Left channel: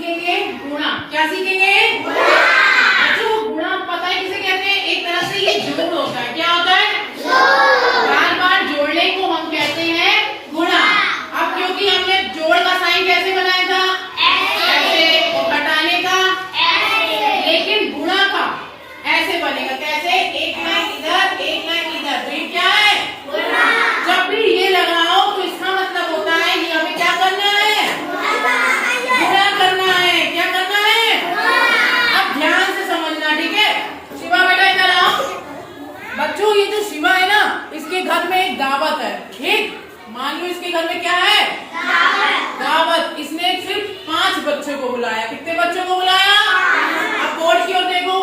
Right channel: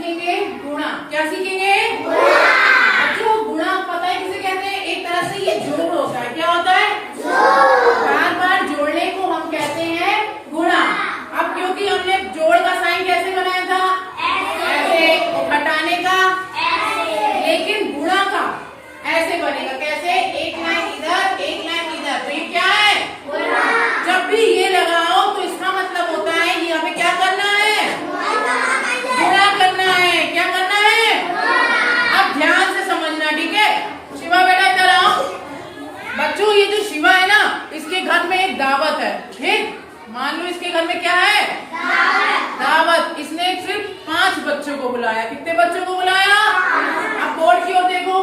सीखेंगे गुणा। क्या सीखेंगे? बच्चों गुणा पता है किसे कहते हैं? एक तरह से ये जोड़ होता है। क्या होता है? बार बार जोड़ने को हम कहते हैं गुणा। अब क्योंकि हमने जोड़ का साइन कैसे बनाया था? ऐसे। और घटाने का ऐसे। लेकिन गुणा का ऐसे बनेगा। कैसे? एक लाइन इधर एक लाइन इधर। तो ये क्या है? गुणा। जब भी ये लगाओ तो इसका मतलब होता है ये हमें क्या करना है? गुणा करना है। क्या करना है? अब ध्यान से समझना, ठीक है? शिवा बेटा इधर आओ। बच्चों ये जो शिवा है ना, इसके घर में एक दावत है। ठीक, मान लो इसके घर में क्या है? दावत। इसने सिर्फ 5 बच्चों को बुलाया। कितने बच्चों को बुलाया? अब बोर्ड की ओर देखो।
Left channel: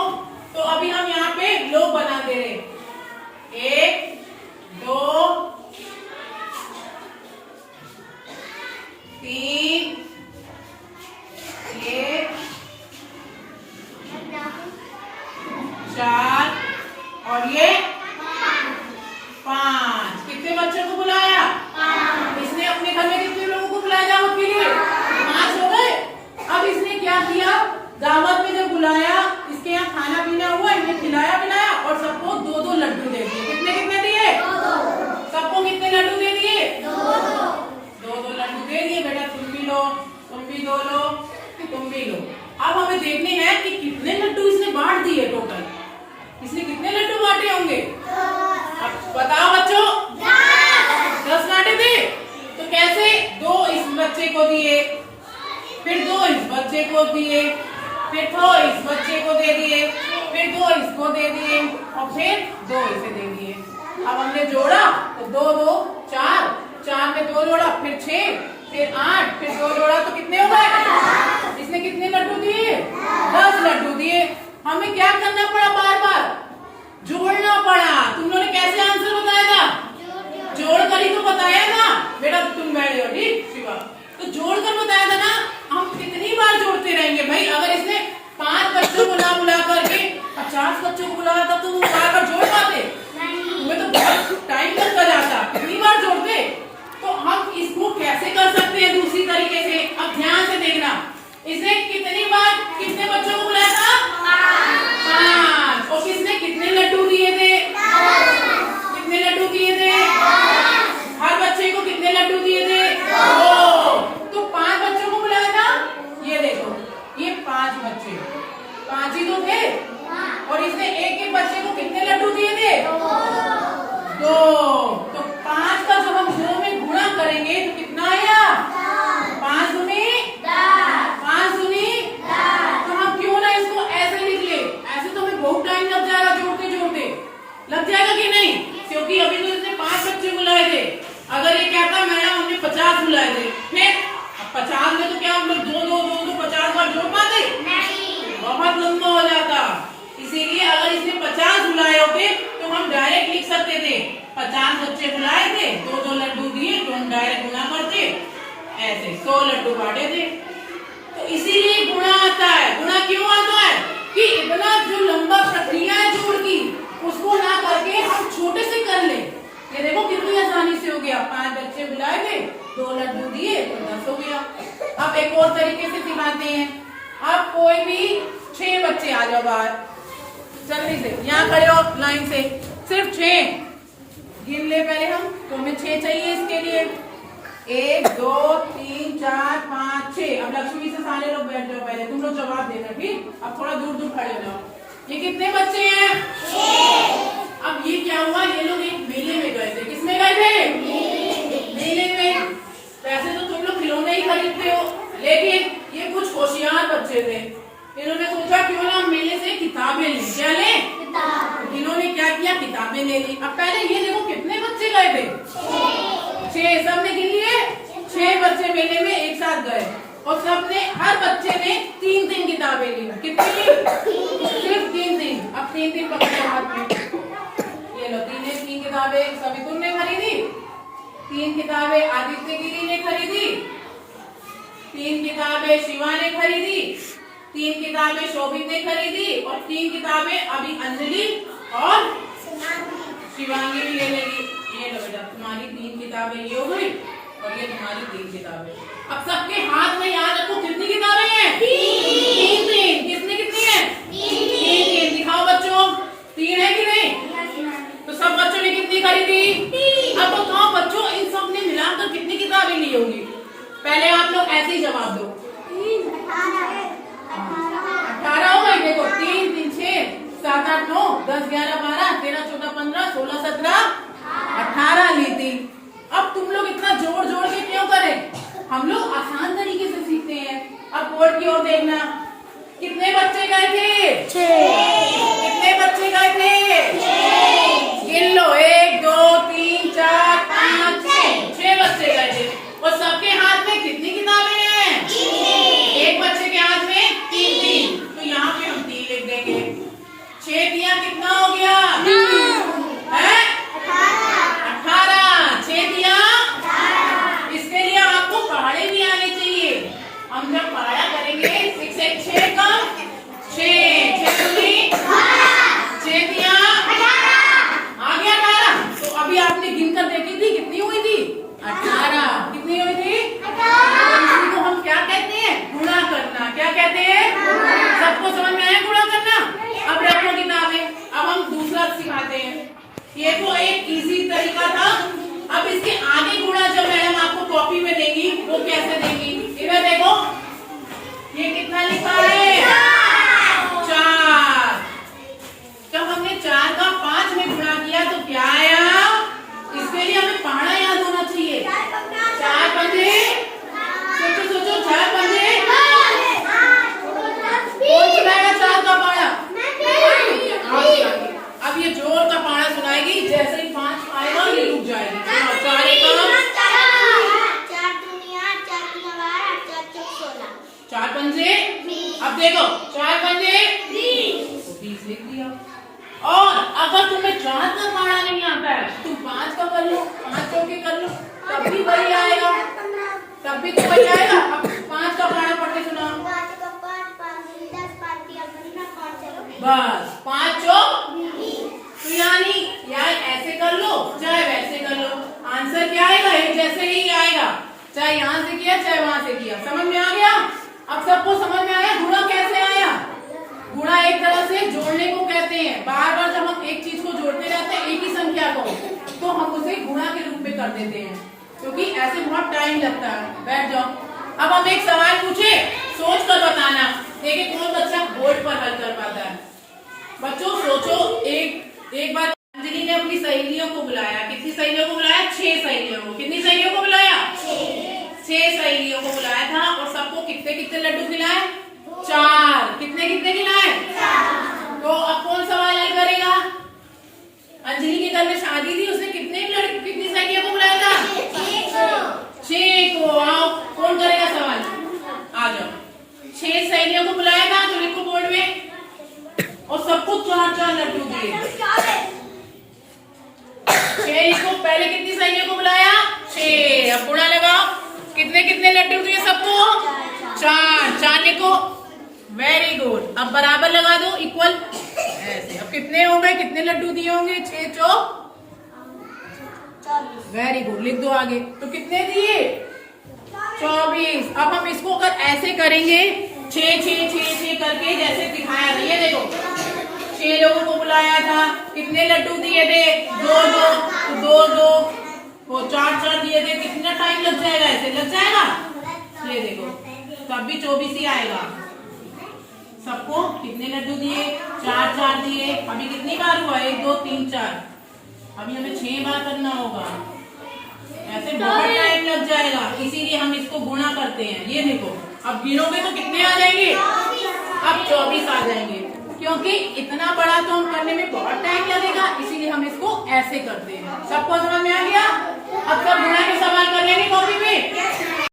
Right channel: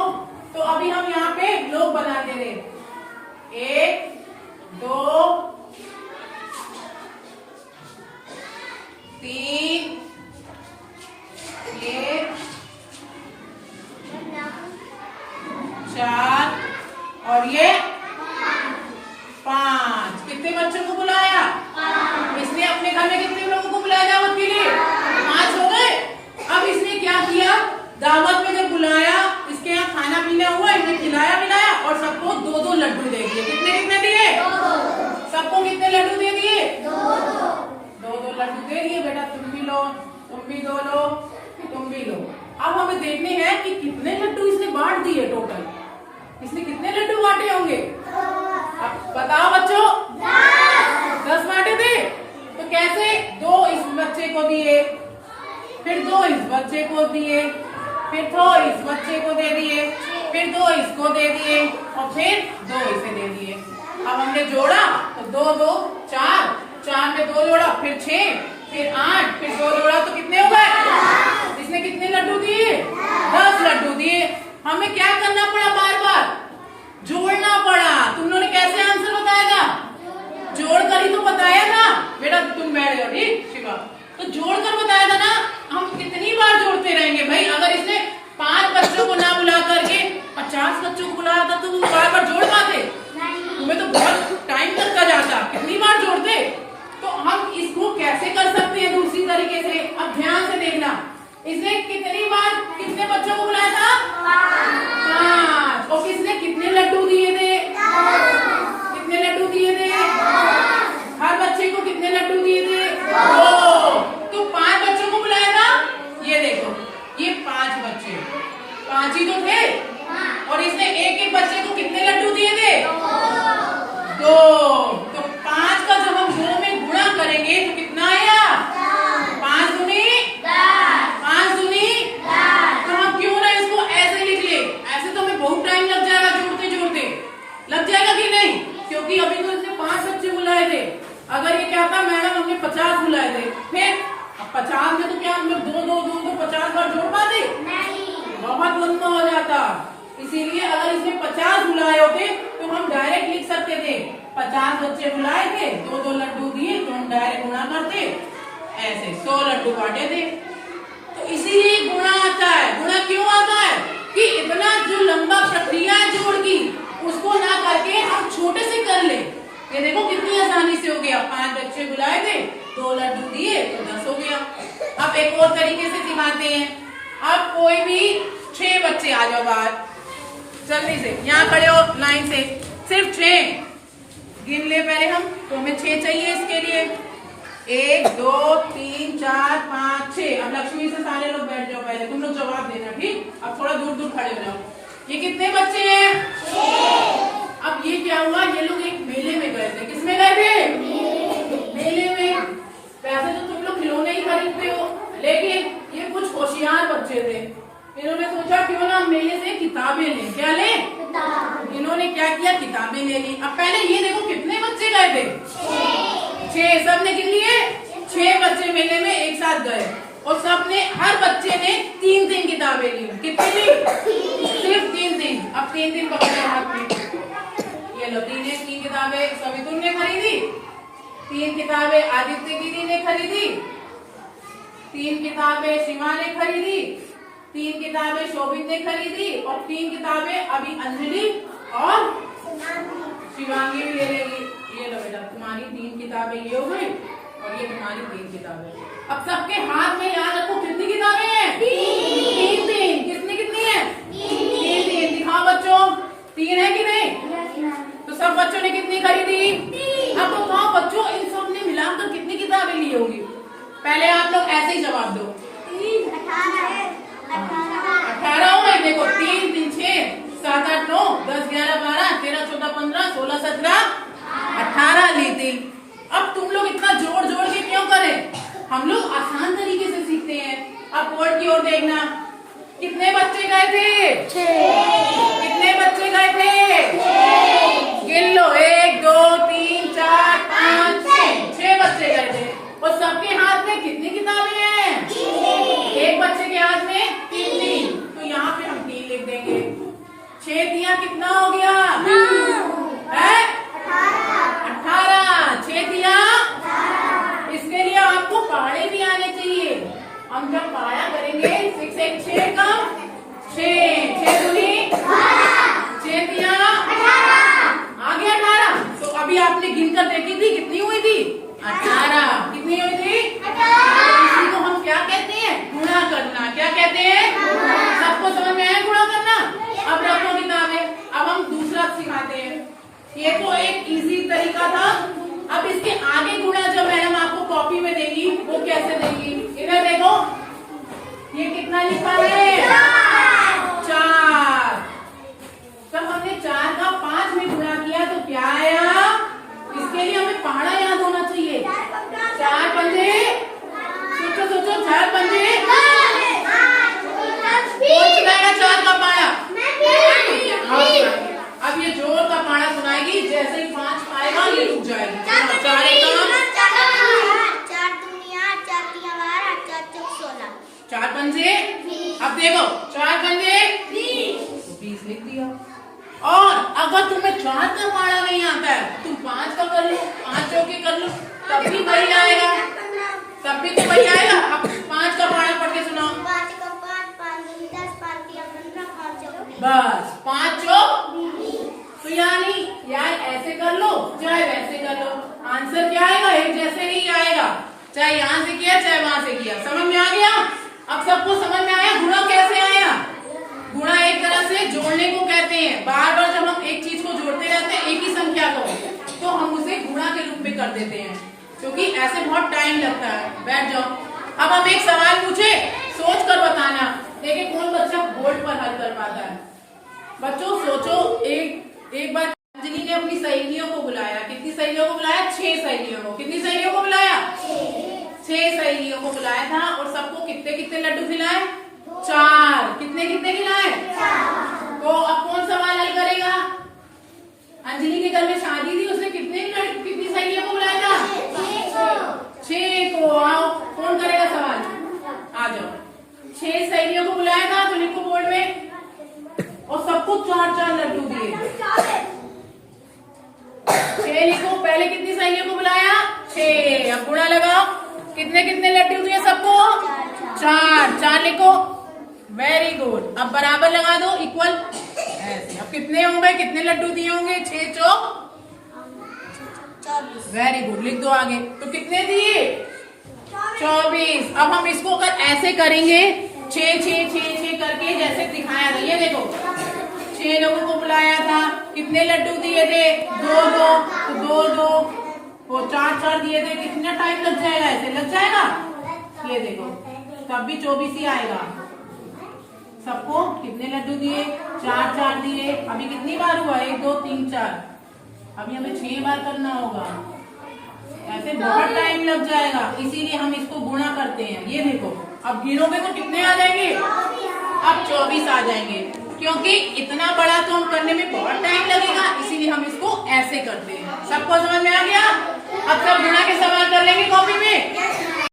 तो अभी हम यहाँ पे लोग बना दे रहे। 1 2 3 ये 4 और ये 5। कितने बच्चों को बुलाया? इसने अपने घर में कितने लोगों को बुलाया दावत के लिए? 5 हो गए। अब इसने क्या किया? दावत में जब बुलाया, इसके यहाँ खाना पीना हुआ, इन्हें खिलाया पिलाया और सबको 2-2 लड्डू दे दिए। कितने कितने दिए? 2-2। सबको कितने लड्डू दे दिए? 2-2 लड्डू दे दिए। बेटा तुम भी लो, तुम भी 2 लो, तुम भी लो। अब हमें देखने हैं कि कितने लड्डू इसने बांट दिए टोटल। इसने कितने लड्डू बांटे होंगे? अब बताओ बच्चों। 10 बांटे थे। तो कैसे? 2 इस बच्चे को दिए, फिर 2 इस बच्चे को दिए, फिर 2 इस बच्चे को दे दिए, फिर 2 इसको दे दिए और फिर 2 इसे दे दिए। अब हमने जोड़ा तो 2 2 4, 4 में 2 जोड़ा, फिर 6, फिर 8, फिर 2 जोड़ा तो कितने हो गए? इसने कितने लड्डू दिए? 10 लड्डू दिए। हमें क्या करना पड़ा? बार बार जोड़ना पड़ा। तुम लोगों ने कैसे आंसर बताया था? जोड़ कर ही तो बताया था। बेटा तुम बैठ जाओ, ठीक शिवा। तो जोड़कर बताया था ना। हम कितनी बार जोड़ते रहेंगे भाई? अगर इसने 5 बच्चों को ना बुला करके 50 बच्चों को बुलाया था तो तुम बार बार जोड़ पाते? तुम्हें तो बहुत टाइम लगता जाता। कितनी बार जोड़ते? तो हम इसको कैसे कर सकते हैं दूसरी तरीके से? अब ध्यान से देखना। इसने कितनी बार कितने बच्चों को बुलाया था? 5। और किसने कितने लड्डू दिए थे? कितने लड्डू दिए थे? हर बच्चे को कितने लड्डू दिए थे? 2। तो 5 बच्चों को बुलाया था। ये देखो, ये 5 बच्चे, 5 ही तो थे। और इसने एक एक बच्चे को कितने लड्डू दिए थे? 2। तो 5 का जब हम 2 में गुणा करेंगे तो कितना आया? 5 दूनी 5 दूनी 10। तो हम क्यों ना इसको ऐसे लिख ले? ऐसे तो हमें बहुत टाइम लग जाएगा जोड़ते जोड़ते। लग जाएगा कि नहीं? क्योंकि अभी तो इसने 5 बच्चे बुलाए थे। अगर ये कहता मैडम हमने 50 बुलाए थे, फिर अब 50 में तो क्या हम लोग 2 50 बार जोड़ पाते? नहीं, बहुत लंबा हो जाता। इसीलिए अगर इसने 50 बुलाए होते तो हम डायरेक्ट लिख सकते थे 50 बच्चे बुलाए थे, 2-2 लड्डू दिए, तो हम डायरेक्ट गुणा करते। ऐसे 100 लड्डू बांटे थे। तो इसीलिए गुणा आता है। गुणा क्यों आता है? कि इतना जो लंबा प्रक्रिया है जोड़ की, उसको ना करके हम छोटे से कर ले। ये देखो कितनी आसानी से हो गया। 5 बच्चे बुलाए थे, 2 लड्डू दिए तो 10 हो गया। अब एक और तरीके से सिखाते हैं। अब कोई भी 6 बच्चे आ जाओ बाहर, जल्दी से यहाँ खड़े हो लाइन से। सिर्फ 6 गिन ले पहले हम। तो हमें 6 चाहिए इसके लिए। 1 2 3 4 5 6। अब लक्ष्मी से सारे लोग बैठ जाओ पहले। तुम लोग जवाब देना, ठीक? अब थोड़ा दूर दूर खड़े हो जाओ। ये कितने बच्चे हैं? 6। अब ये क्या हुआ? ये लोग एक मेले में गए थे। किसमें गए थे? मेले में। वैसे तो तुम लोग खिलौने ही खरीदते हो, लेकिन ये कुछ होशियार बच्चे थे। इन्होंने सोचा क्यों ना मेले से किताबें लें। क्या लें? इन्होंने क्या किया? किताबें ले ली। अब पहले ये देखो कितने बच्चे गए थे? 6। सबने गिन लिए? 6 बच्चे मेले में एक साथ गए और सबने, हर बच्चे ने 3-3 किताबें ली। कितनी ली? सिर्फ 3-3। अब 3-3 पकड़े हाथ में। ये लो 3 किताबें सवितुल ने खरीदी, 3 किताबें आदित्य गिरी ने खरीदी, 3 किताबें शिवा ने खरीदी, 3 किताबें शोभित ने खरीदी और 3 किताबें अभी अंजलि और शिवांगी भी ले लेगी। ये लो बेटा तुम्हारी 3 किताबें ये हो गई और ये तुम्हारी 3 किताबें। अब सबके हाथ में याद रखो कितनी किताबें हैं? ने कितनी खरीदी? अब बताओ बच्चों, इन सब ने मिलाकर कितनी किताबें ली होंगी? पहले आप लोग ऐसे ही जवाब दो। 18 हो गई। देखो 3 3 6 7 8 9 10 11 12 13 14 15 16 17 18 ली थी। अब तुम लोग इतना जोड़ जोड़ के क्यों करें? हम लोग आसान तरीके से सीखते हैं। अब बोर्ड की ओर देखना। कितने बच्चे गए थे? 6। कितने बच्चे गए थे? 6। गिन लो, 1 2 3 4 5 6 बच्चे गए थे। और सबके हाथ में कितनी किताबें हैं? 3। एक बच्चे के हाथ में 3 तो यहाँ पे हम 3 लिख देंगे। 6 दिया कितना हो गया? है 18। 6 दिया। इसके लिए आपको पहाड़े भी आने चाहिए। हम जब पहाड़ा करेंगे 6 1 6 का 6 6 दूनी 6 दिया आ गया 18। तो अभी आपने गिनकर देखी थी कितनी हुई थी? 18। कितनी हुई थी? 18। इसी को हम क्या कहते हैं? गुणा करना। क्या कहते हैं? सबको समझ में आया गुणा करना? अब रखो किताबें। अब हम दूसरा सिखाते हैं। ये तो एक इजी तरीका था। अब इसके आगे गुणा जब मैडम आपको कॉपी में देंगी वो कैसे देंगी? इधर देखो, ये कितना लिखा है? 4। जब हमने 4 का 5 में गुणा किया तो क्या आया? इसके लिए हमें पहाड़ा याद होना चाहिए। 4 पंजे, सोचो सोचो, 4 पंजे कौन सुनाएगा? 4 का पहाड़ा। अब ये जोर का पहाड़ा सुनाएगी। जैसे ही 5 आएगा ये रुक जाएगी। 4 पंजे। अब देखो 4 पंजे 20 लिख दिया। और अगर तुम्हें 4 का पहाड़ा नहीं आता है तुम 5 का कर लो, 5 चौके कर लो, तब भी वही आएगा। तब भी तो वही आएगा। अब 5 का पहाड़ा पढ़ के सुनाओ। बस 5 चौक। तो यानी यार ऐसे कर लो चाहे वैसे कर लो, आंसर क्या आएगा? एक जैसे ही आएगा। चाहे यहाँ से किया चाहे वहां से किया। समझ में आ गया? अब सबको समझ में आया गुणा कैसे आया? गुणा एक तरह से जोड़ने को कहते हैं। बार बार जब हम एक चीज को जोड़ते रहते हैं एक ही संख्या को, तो हम उसे गुणा के रूप में कर देते हैं, क्योंकि ऐसे बहुत टाइम लगता है। बैठ जाओ। अब हम एक सवाल पूछे, सोच कर बताना। देखिए कौन बच्चा बोर्ड पर हल कर पाता है। बच्चों सोचो। एक बार अंजलि ने अपनी सहेलियों को बुलाया। कितनी सहेलियों को बुलाया? 6 सहेलियों को। कितनी सहेलियों को बुलाया? 6 सहेलियों को बुलाया था। और सबको कितने कितने लड्डू खिलाए? 4। कितने कितने खिलाए? 4। तो अब कौन सवाल हल करेगा? अंजलि के घर में शादी थी, उसने कितनी सहेलियों को बुलाया था? 6 को। आओ कौन करेगा सवाल? आ जाओ। 6 सहेलियों को बुलाया था तो लिखो बोर्ड में। और सबको 4 लड्डू दिए। 6 लिखो। पहले कितनी सहेलियों को बुलाया? 6। अब गुणा लगाओ। कितने कितने लड्डू दिए सबको? 4 लिखो। Very good. अब बराबर लगा दो, इक्वल ऐसे। अब कितने हो गए? कितने लड्डू दिए होंगे? 6 चौक 40। वेरी गुड, लिख दो आगे। तो कितने दिए? 24। अब हम इसको अगर ऐसे करेंगे 6 6 6 6 करके जैसे दिखाया गया, ये देखो 6 लोगों को बुलाया था, कितने लड्डू दिए थे? 2 2 2 2 वो 4 4 दिए थे। कितना टाइम लग जाएगा? ऐसे लग जाएगा। ये देखो तब भी 24 ही आएगा। सबको कितने लड्डू दिए? 4 4 दिए। अभी कितनी बार हुआ? 1 2 3 4। अभी हमें 6 बार करना होगा। ऐसे बहुत टाइम लग जाएगा, इसीलिए हम इसको गुणा करते हैं। ये देखो अब गिनोगे तो कितने आ जाएंगे? अब 24 आ जाएंगे, क्योंकि इतना बड़ा तो हम करने में बहुत टाइम लगेगा, इसीलिए हम इसको ऐसे करते हैं। सबको समझ में आ गया? अब सब गुणा के सवाल कर लेंगे कॉपी में।